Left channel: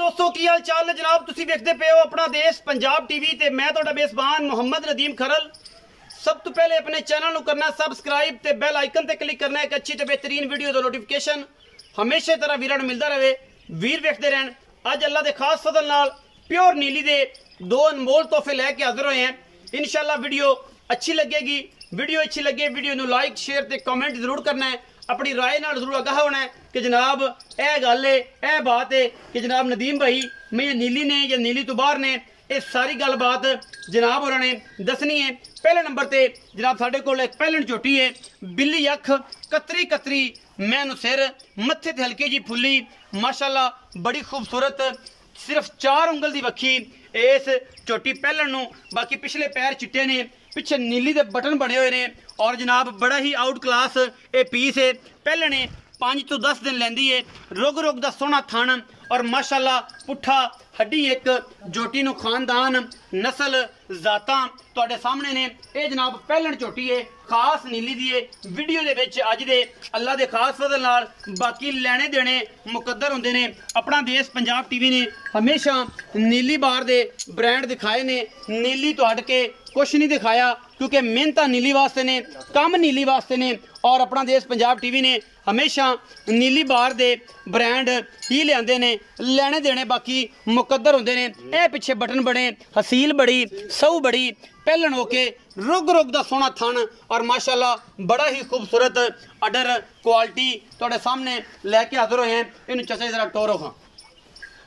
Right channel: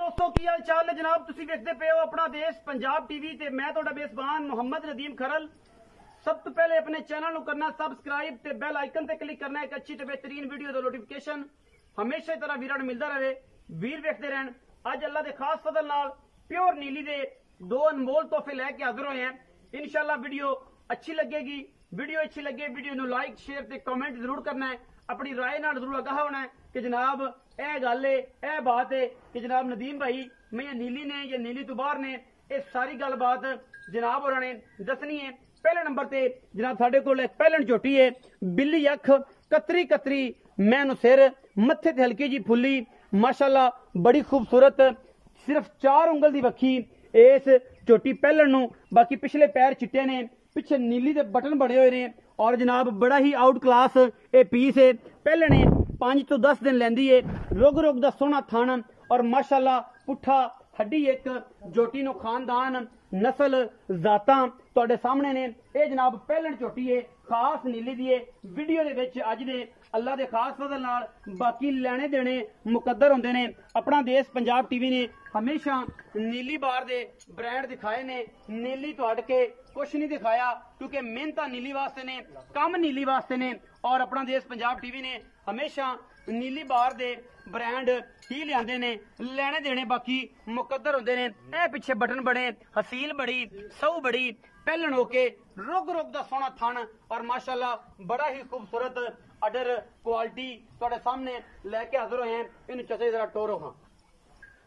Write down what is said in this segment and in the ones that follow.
दोस्तों की हाल चाल है जनाब। तुसी देखते पे हो अपना देश पंजाब टीवी ते मैं तुहाडा मेज़बान मोहम्मद नदीम खरल। सब तो पहले अपने चैनल को करना सबसक्राइब ते बेल आइकन ते क्लिक करना एक अच्छी ते बेहतरीन वीडियो दा नोटिफिकेशन हमेशा तरह वीरां नूं मिलदा रहे। वीर वेखदे रहन। अज अल्लाह दे खास फजल नाल प्योर नीली दे दो अनमोल तोहफे लैके हाजिर होए हैं। इंशाल्लाह वीडियो अच्छी लगेगी। वीडियो अच्छी लगे वीडियो नूं लाइक शेयर ते कमेंट जरूर करना है। अपनी राय नाल जरूर आगाह होना है कि जनाब यह गल है यह बात है कि जनाब नदीम भाई मैं नीली ने या नीली तो बाहर ने ये सारी गल बात जनाब होरां ने दसनी है। पहले नंबर ते जनाब साडे कोल एक पहलन झोटी है बिल्ली अख कतरी कतरी मैनू सिर मत्थे ते हल्की जी फुल्ली माशाल्लाह बड़ी खूबसूरत सिर्फ 4 उंगल दी वक्खी इस झोटी पहलन नूं। बाकी पिछले पैर चिट्टे ने पिछे नीली दे बटन बने हुए ने और जनाब बड़ा ही आउट क्लास ये पीस है। पहले ने 5 तो 10 दिन लैंदी है। रुग रुग दा सोहना थन और माशाल्लाह पुट्ठा हड्डी एक झोटी नूं खानदान नस्ल जातां तुहाडे सामने ने। ये जनाब पहलन झोटी है खास नीली दी है। वीडियो दे विच अज दे अल्लाह दे खास फजल नाल बाकी लेने देने मुकद्दर होंदे ने। अपना देश पंजाब टीवी ने हमेशा नीली बार दे ब्रांड दिखाए ने। नीली तो हट के कुछ नहीं दिखाया क्योंकि मेहनत नीली वास्ते ने काम नीली वास्ते ने। और अपना देश पंजाब टीवी ने हमेशा नीली बार दे ब्रांड ही लियाते ने लेने देने बाकी मुकद्दर होंदे ने। ए पिछे बटन बने हसील बड़ी सऊ बड़ी पहलन होके रुग रुग दा सोहना थन और माशाल्लाह बड़ा ही खूबसूरत अडर क्वालिटी तुहाडे सामने लैके हाजिर होए हैं। इन्हूं चचे जरा टोरो खां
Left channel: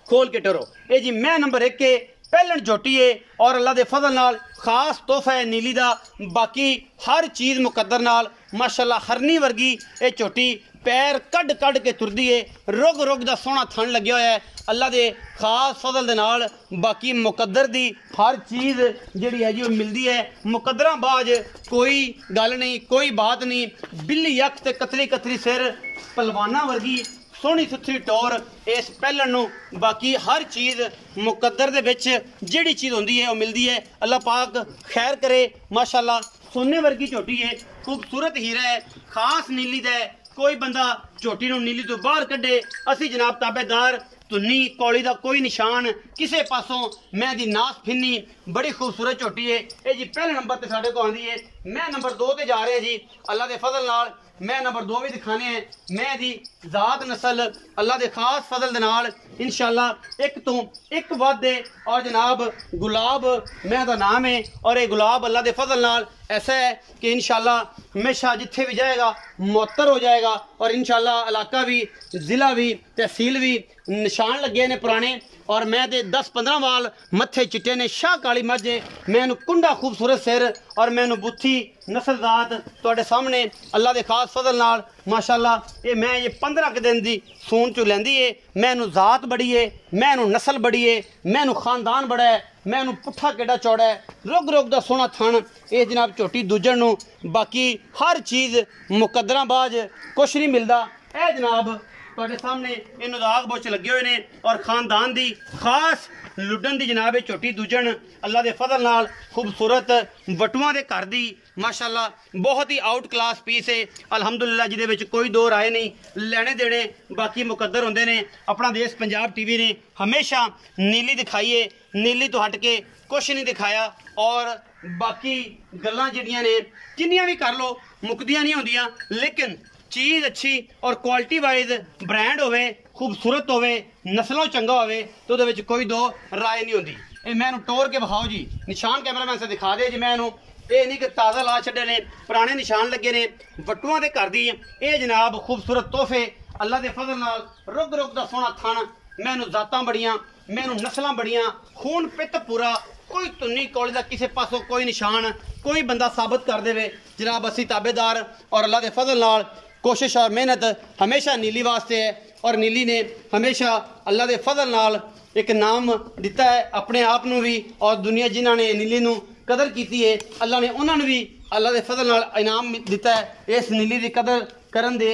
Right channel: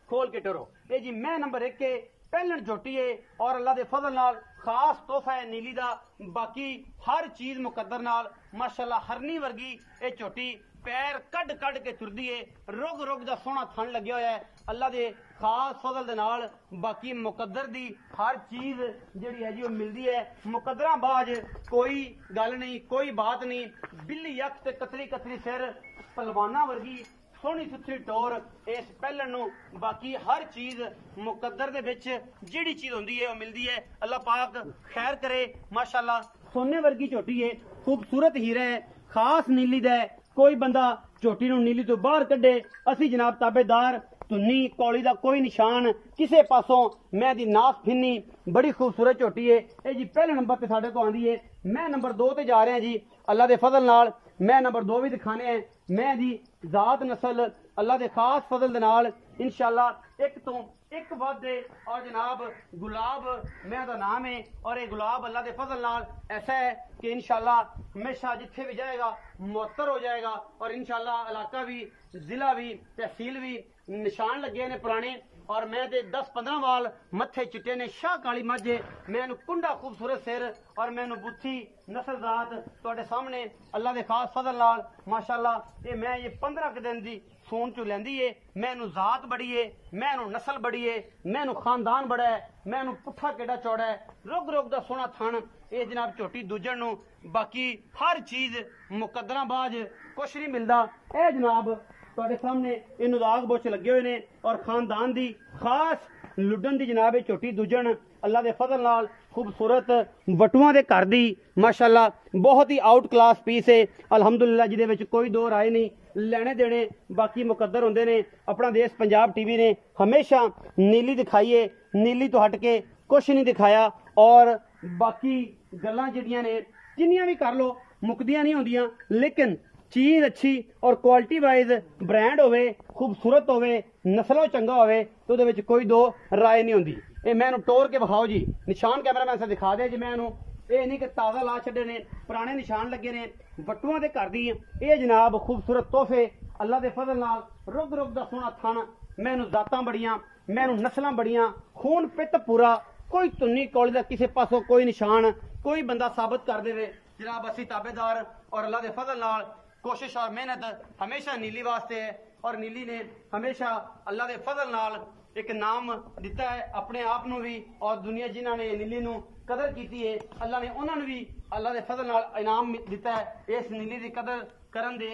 खोल के टोरो। ये जी मैं नंबर 1 के पहलन झोटी है और अल्लाह दे फजल नाल खास तोहफा है नीली दा। बाकी हर चीज़ मुकद्दर नाल माशाल्लाह हरनी वर्गी ये झोटी पैर कड कड के तुरदी है। रुग रुग दा सोहना थन लग्या होया है अल्लाह दे खास फजल दे नाल। बाकी मुकद्दर दी हर चीज़ जिहड़ी है जी वो मिलती है मुकद्दरां बाज कोई गल नहीं कोई बात नहीं। बिल्ली अख ते कतरी कतरी सिर पलवाना वर्गी सोहनी सुथरी टोर इस पहलन नूं। बाकी हर चीज़ मुकद्दर दे विच जिहड़ी चीज़ होंदी है वो मिलती है। अल्लाह पाक खैर करे। माशाल्लाह सोने वर्गी झोटी है खूबसूरत हीरा है खास नीली दा है। कोई बंदा झोटी नूं नीली तो बाहर कढे असी जनाब ताबेदार धुन्नी कौली का कोई निशान किसी पासों मैं दी नास फिन्नी बड़ी खूबसूरत झोटी है। ये जी पहले नंबर ते साडे को आंदी है। मैं नंबर 2 ते जा रहे हैं जी अल्लाह दे फजल नाल। मैं नंबर 2 भी दिखाने हैं। मैं दी जात नस्ल अल्लाह दे खास फजल दे नाल इंशाल्लाह एक तो एक वादे और जनाब गुलाब मैं दा नाम है और ये गुलाब अल्लाह दे फजल नाल ऐसा है कि इंशाल्लाह हमेशा जिथे भी जाएगा मुअत्तर हो जाएगा। और इंशाल्लाह इलाका भी ज़िला भी तहसील भी निशान लगे ने पुराने। और मैं दे 10-15 वाल मत्थे चिट्टे ने शाह काली मझ मैनू कुंडा खूबसूरत सिर और मैनू बुत्थी नस्ल जात तुहाडे सामने अल्लाह दे खास फजल नाल माशाल्लाह ये मैं ये 15 दिन दी सून चो लैंदी है। मैनू जात बड़ी है मैनू नस्ल बड़ी है मैनू खानदान बड़ा है मैनू पुट्ठा केड़ा चौड़ा है रुग रुग दा सोहना थन ये जनाब झोटी दूजन नूं। बाकी हर चीज़ मुकद्दरां बाज कुछ नहीं मिलता। ए जनाब तुहाडे सामने इन्हूं दाग बोच लगे हुए ने और खानदान दी खास लुडन दी जनाब झोटी दूजन अल्लाह दे फजल नाल खूबसूरत वटुआं दे घर दी माशाल्लाह बहुत ही आउट क्लास पीस है अल्हम्दुलिल्लाह जिहदे विच कोई दो राय नहीं। लेने देने बाकी मुकद्दर होंदे ने। अपना देश पंजाब टीवी ने हमेशा नीली दिखाई है नीली तो हट के कुछ नहीं दिखाया। और बाकी गल्लां जिहड़ियां ने जिन्नियां भी कर लो मुकदियां नहीं होंदियां लेकिन चीज़ अच्छी और क्वालिटी वाइज ब्रांड होवे खूबसूरत होवे नस्लों चंगा होवे तो उहदे विच कोई दो राय नहीं होंदी। ये मैनू टोर के विखाओ जी निशान कैमरामैन से दिखा दे जी। मैनू ये नहीं कि ताज़ा ला छड्डे ने पुराने निशान लगे ने वटुआं दे घर दी ये जनाब खूबसूरत तोहफे अल्लाह दे फजल नाल रुग रुग दा सोहना थन मैनू जातां बड़ियां मैनू नस्लां बड़ियां खून पित्त पूरा कोई धुन्नी कौली दा किसी पासों कोई निशान कोई बंदा साबित कर देवे जनाब असी ताबेदार और अल्लाह दे फजल नाल कोशिश और मेहनत हमेशा नीली वास्ते है। और नीली ने हमेशा अल्लाह दे फजल नाल एक नाम दिता है अपने आप नूं भी और दुनिया जिन्हां ने नीली नूं कदर कीती है अल्लाह ने उन्होंने भी अल्लाह दे फजल नाल इनाम दिता है इस नीली की कदर करन दे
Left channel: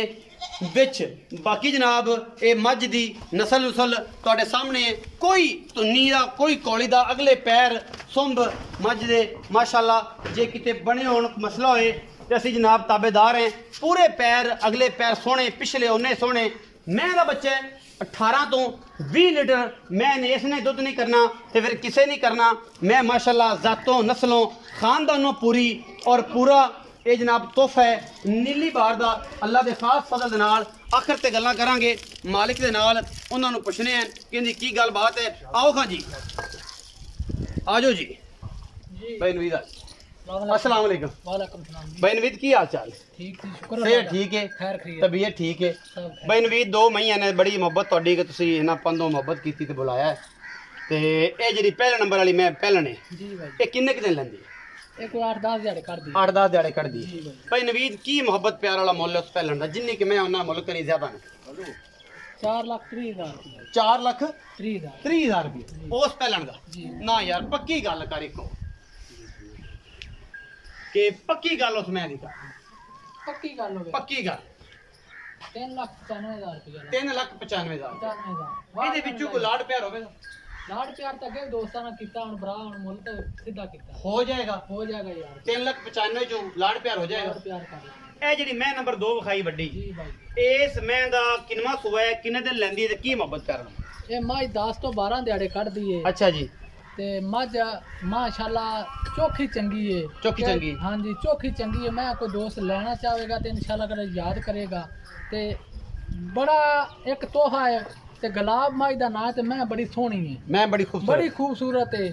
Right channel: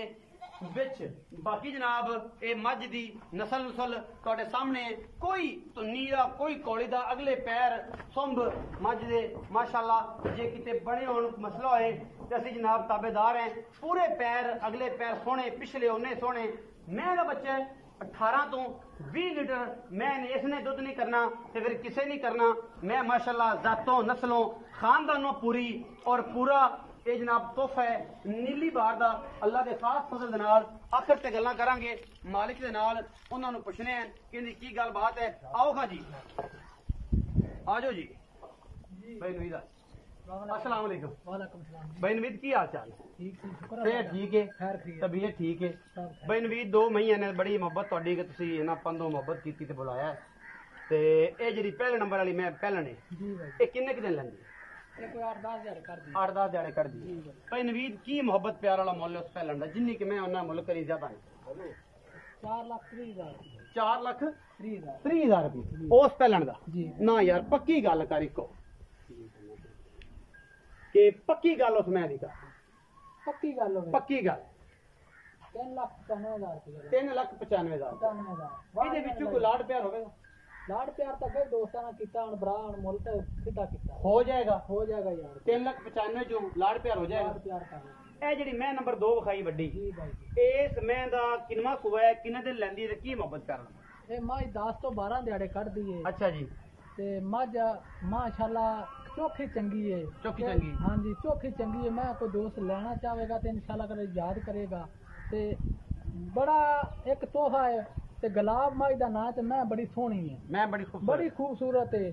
विच। बाकी जनाब ये मझ दी नस्ल नुसल तुहाडे सामने कोई धुन्नी दा कोई कौली दा अगले पैर सुंब मझ दे माशाल्लाह जे किते बने होण मसला होए ते असी जनाब ताबेदार हैं। पूरे पैर अगले पैर सोहने पिछले उन्ने सोहने मैं दा बच्चा है 18 तो 20 लीटर मैं इसने दुध नहीं करना तो फिर किसे नहीं करना। मैं माशाल्लाह ज़ातों नस्लों खानदानों पूरी और पूरा ये जनाब तोहफा है नीली बार का अल्लाह के खास फजल दे नाल। आखिर ते गल्लां करांगे मालिक दे नाल, उन्हां नूं पुछने हैं कि इहदी की गल बात है। आओ खां जी, आ जाओ जी। भाई नवीद अस्सलाम वालेकुम। वालेकुम सलाम। भाई नवीद की हाल चाल? ठीक जी, शुक्र सेहत ठीक है, खैर खैर तबीयत ठीक है। भाई नवीद 2 महीने ने बड़ी मुहब्बत तुहाडी कि तुसीं इन्हां पंदों मुहब्बत कीती ते बुलाया है। ते ये ਜਿਹੜੀ पहले नंबर वाली मैं पहलने जी भाई, ये किन्ने क दिन लैंदी? एक 8-10 दिहाड़े कर दी। 8-10 दिहाड़े कर दी। जी भाई नवीद की मुहब्बत प्यार वाला मुੱਲ उस पहलन दा जिन्नी कि मैं उन्हां मुੱਲ करी ज्यादा नहीं। 4,30,000 4,30,000 रुपये उस पहलन दा जी। ना यार पक्की गल कर इको कि पक्की गल उस मैं दी कर पक्की गल हो गई। पक्की गल 3,95,000 रुपये 3,95,000 95,000 ਇਹਦੇ ਵਿੱਚੋਂ ਕੋਈ ਲਾਡ ਪਿਆਰ ਹੋਵੇਗਾ? ਲਾੜ ਪਿਆਰ ਤਾਂ ਅੱਗੇ ਦੋਸਤਾਂ ਨਾਲ ਕੀਤਾ, ਹੁਣ ਭਰਾ ਹੁਣ ਮੁੱਲ ਤਾਂ ਸਿੱਧਾ ਕੀਤਾ। ਹੋ ਜਾਏਗਾ ਹੋ ਜਾਏਗਾ ਯਾਰ, 3,95,000 ਚੋਂ ਲਾਡ ਪਿਆਰ ਹੋ ਜਾਏਗਾ। ਲਾੜ ਪਿਆਰ ਕਰ ਲਾਂਗੇ। ਇਹ ਜਿਹੜੀ ਮੈਂ ਨੰਬਰ 2 ਵਿਖਾਈ ਵੱਡੀ ਜੀ ਭਾਈ, ਇਸ ਮੈਂ ਦਾ ਕਿੰਨਾ ਸੂਆ ਹੈ, ਕਿੰਨੇ ਦਿਨ ਲੈਂਦੀ ਹੈ ਤੇ ਕੀ ਮੁਹੱਬਤ ਕਰਨਾ? ਇਹ ਮੱਝ 10 ਤੋਂ 12 ਦਿਹਾੜੇ ਕੱਢਦੀ ਏ ਅੱਛਾ ਜੀ। ਤੇ ਮੱਝ ਮਾਸ਼ਾਅੱਲਾ ਚੋਖੀ ਚੰਗੀ ਏ। ਚੋਖੀ ਚੰਗੀ? ਹਾਂਜੀ ਚੋਖੀ ਚੰਗੀ ਏ। ਮੈਂ ਕੋਈ ਦੋਸਤ ਲੈਣਾ ਚਾਹੇਗਾ ਤੇ ਇਨਸ਼ਾਅੱਲਾ ਕਦੇ ਯਾਦ ਕਰੇਗਾ। ਤੇ ਬੜਾ ਇੱਕ ਤੋਹਫਾ ਹੈ ਤੇ ਗੁਲਾਬ ਮੱਝ ਦਾ ਨਾਂ ਤੇ ਮੈਂ ਬੜੀ ਸੋਹਣੀ ਏ, ਮੈਂ ਬੜੀ ਖੂਬਸੂਰਤ ਏ।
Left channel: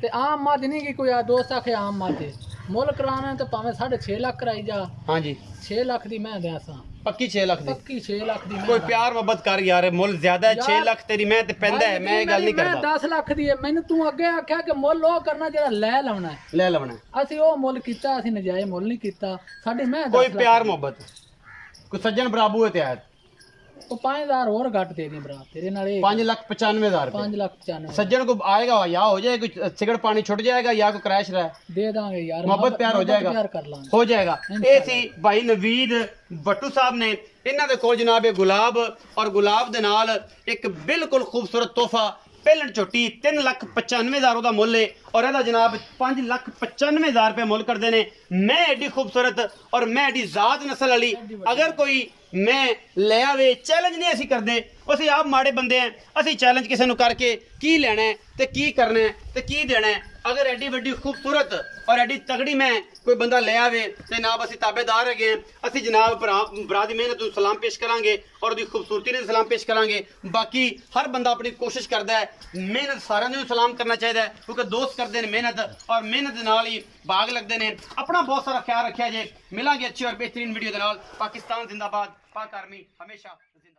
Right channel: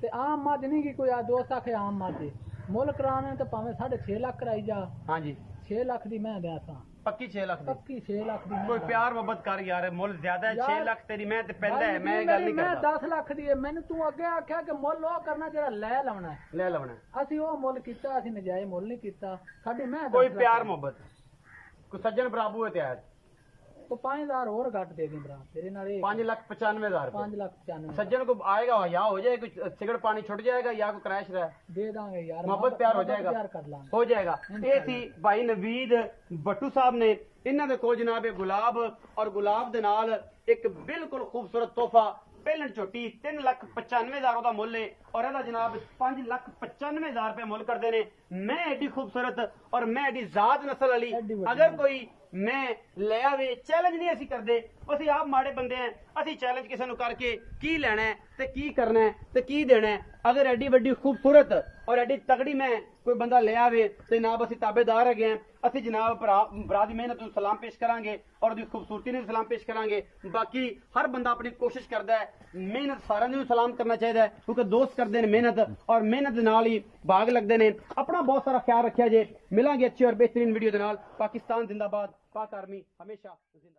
ਤੇ ਆਮ ਮੱਝ ਨਹੀਂ ਕਿ ਕੋਈ ਆ ਦੋਸਤ ਆਖੇ ਆਮ ਮੱਝ ਏ। ਮੁੱਲ ਕਰਾਣਾ ਤੇ ਭਾਵੇਂ 6.5 ਲੱਖ ਕਰਾਈ ਜਾ। ਹਾਂਜੀ 6 ਲੱਖ ਦੀ ਮੈਂ ਦਿਆਂ ਸਾਂ, ਪੱਕੀ 6 ਲੱਖ ਦੀ। ਪੱਕੀ 6 ਲੱਖ ਦੀ ਮੈਂ ਕੋਈ ਦਾਂ। ਪਿਆਰ ਮੁਹੱਬਤ ਕਰ ਯਾਰ, ਮੁੱਲ ਜ਼ਿਆਦਾ ਹੈ। 6 ਲੱਖ ਤੇਰੀ ਮੈਂ ਤੇ ਪੈਂਦਾ ਹੈ, ਮੈਂ ਇਹ ਗੱਲ ਨਹੀਂ ਮੈਂ ਕਰਦਾ। 10 ਲੱਖ ਦੀ ਏ। ਮੈਨੂੰ ਤੂੰ ਅੱਗੇ ਆਖਿਆ ਕਿ ਮੁੱਲ ਉਹ ਕਰਨਾ ਜਿਹੜਾ ਲੈ ਲਾਉਣਾ ਹੈ। ਲੈ ਲਵਣਾ ਅਸੀਂ ਉਹ ਮੁੱਲ ਕੀਤਾ, ਅਸੀਂ ਨਜਾਇਜ਼ ਮੁੱਲ ਨਹੀਂ ਕੀਤਾ। ਸਾਡੀ ਮੈਂ ਕੋਈ 10 ਲੱਖ ਪਿਆਰ ਮੁਹੱਬਤ ਕੋਈ ਸੱਜਣ ਬਰਾਬੂ ਹੈ ਤੇ ਆਇਆ ਉਹ 5,000 ਹੋਰ ਘੱਟ ਦੇ ਦੇ ਭਰਾ ਤੇਰੇ ਨਾਲ। ਇਹ 5,95,000 रुपए 5,95,000 सज्जन को आएगा या हो जाए कुछ सिगड़ पानी छुट जाएगा या कोई क्रैश रहा ਦੇ ਦਾਂਗੇ ਯਾਰ। मोहब्बत प्यार हो जाएगा, ਪਿਆਰ ਕਰ ਲਾਂਗੇ। हो जाएगा। ये सी भाई नवीद भट्टू साहब ने इन्हां दे कोल जनाब ये गुलाब और गुलाब दे नाल एक बिल्कुल खूबसूरत तोहफा पहलन झोटी 3,95,000 ਦਾ ਮੁੱਲ है और ਇਹਦਾ जनाब 5,95,000 रुपए मुੱਲ करते ने। मैं एडी खूबसूरत और मैं एडी जात नस्ल वाली अगर कोई मैं ले आवे चैलेंज नहीं असी करते। ਅਸੀਂ ਆਪ ਮਾੜੇ ਬੰਦੇ ਆਂ, ਅਸੀਂ ਚੈलेंज ਕਿਸੇ ਨੂੰ ਕਰਕੇ ਕੀ ਲੈਣਾ ਹੈ ਤੇ ਕੀ ਕਰਨਾ ਹੈ ਤੇ ਕੀ ਦੇਣਾ ਹੈ। ਅਗਰ ਐਡੀ ਵੱਡੀ ਖੂਬਸੂਰਤ ਔਰ ਐਡੀ ਤਗੜੀ ਮੈਂ ਕੋਈ ਬੰਦਾ ਲੈ ਆਵੇ ਤੇ ਜਨਾਬ ਅਸੀਂ ਤਾਬੇਦਾਰ ਹੈਗੇ ਆਂ। ਅਸੀਂ ਜਨਾਬ ਭਰਾ ਦੀ ਮਿਹਨਤ ਨੂੰ ਸਲਾਮ ਪੇਸ਼ ਕਰਾਂਗੇ ਔਰ ਉਹਦੀ ਖੂਬਸੂਰਤੀ ਨੂੰ ਸਲਾਮ ਪੇਸ਼ ਕਰਾਂਗੇ। ਬਾਕੀ ਹਰ ਬੰਦਾ ਆਪਣੀ ਕੋਸ਼ਿਸ਼ ਕਰਦਾ ਹੈ, ਮਿਹਨਤ ਸਾਰਿਆਂ ਨੂੰ ਸਲਾਮ ਕਰਨਾ ਚਾਹੀਦਾ ਹੈ ਕਿਉਂਕਿ ਦੋਸਤ ਕਰਦੇ ਨੇ ਮਿਹਨਤ ਔਰ ਮਿਹਨਤ ਦੇ ਨਾਲ ਹੀ ਬਾਗ ਲੱਗਦੇ ਨੇ। ਆਪਣਾ ਬਹੁਤ ਸਾਰਾ ਖਿਆਲ ਰੱਖਿਆ ਜੇ। ਮਿਲਾਂਗੇ ਅੱਛੀ ਔਰ ਬਿਹਤਰੀਨ ਵੀਡੀਓ ਦੇ ਨਾਲ। ਪਾਕਿਸਤਾਨ ਜ਼ਿੰਦਾਬਾਦ, पाक आर्मी हमेशा जिंदा।